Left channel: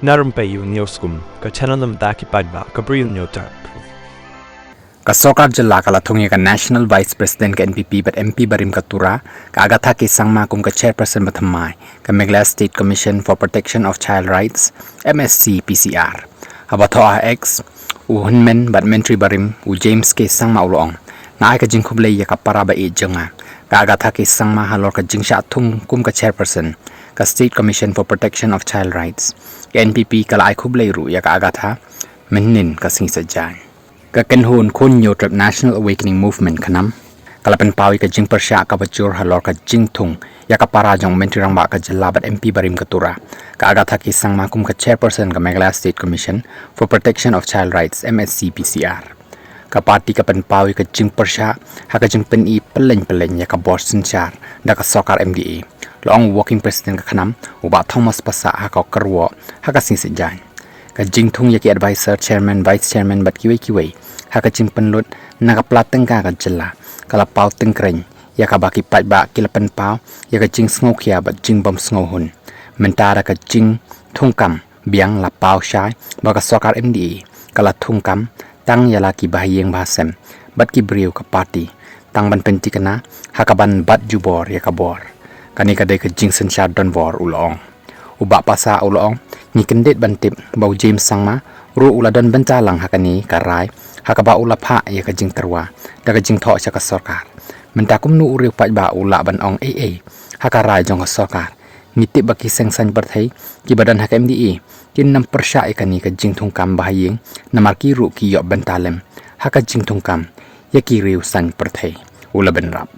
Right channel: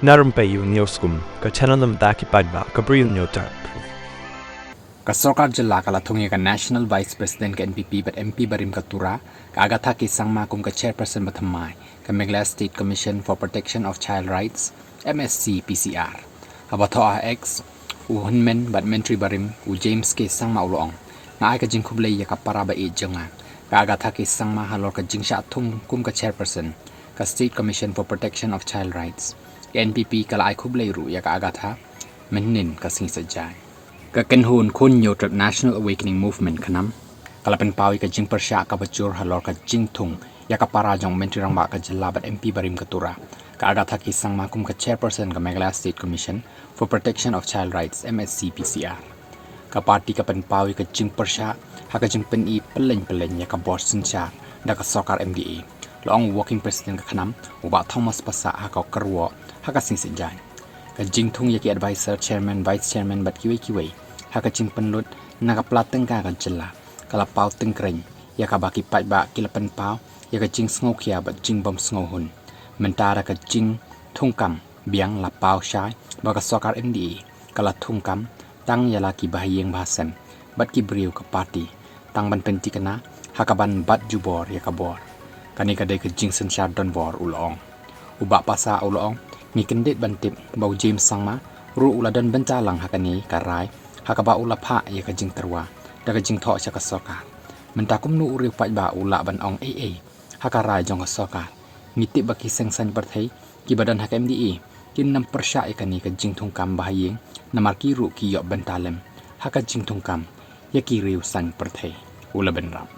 Na Rympei U ka channel nabynta ki paidbah ka Bri U Hynñiewtrep. Ka sokar jela kala Thung ka National Vice President ka NPP but MP barim ka tura ka agatha ki sangma kum ka chairperson bathamai ka Meghalaya State Commission for Protection of Child Rights MSC PCR. Abatho X U Hynñmen but menteri barim U James ke sangma ulong na ai ka jing Khublei ya ka para ba e jonga ka agatha ki sangma halor ka jing sha Thung kum ka chairperson ka State Commission for Protection of Child Rights NPP kala ai Khublei ru ya ka agatha menin ka sing sajai ka kenhun Khun Hynñiewtrep National Awakening Movement kanam kala pen pawi ka jing persya ka bajur halor ka jing Thung ya ka para jong menteri rang ba ka jelabat MP barim ka tura ka agatha ki sangma kum ka chairperson ka Meghalaya State Commission for Protection of Child Rights MSC PCR ka parti ka pen pawi ka jing persya ha ka jing pen I Pyllein ya ka board sinchar da ka sokar MDA long working president ka kanam uba Thomas pasa ha ka karwo ha ka sing sejai ka jing Thung ya ki advisor chairman vice chairman bat kiwei ha ka jing penlut na ka plateng ka jela kala pau tengkreng ya ka baki paidbah kilapan pau ya ka jing sngo khia bat jing bom sngo hun Mynta ka jing Thung kam biang la pau shai ba ka sokar MDA kala Thung kam Tang ya la ki Bahaïing bahasem bat ki Bri U ka parti Tang ban penti kana ha ka ban bat jubor ya ka bor kani ka dai ka jing senchar don bor ulong uba pasa ulong ni kendet bantip bau James sangma ru uladon bencalang hakani karai hakaba ulapha ya ka jing terwa da ka jing tho cha ka sokar Mynta kumnu uriu paidbah ula ban ong hakarai jong ka sokar ngitip baki sengsan berthai ki badan hak MDA kin nam persya ikani ka jing Thung kam Bahaïing namar ki ru ki yo bentalem haka jing Thung kam ya ki riu san berthai ula benrap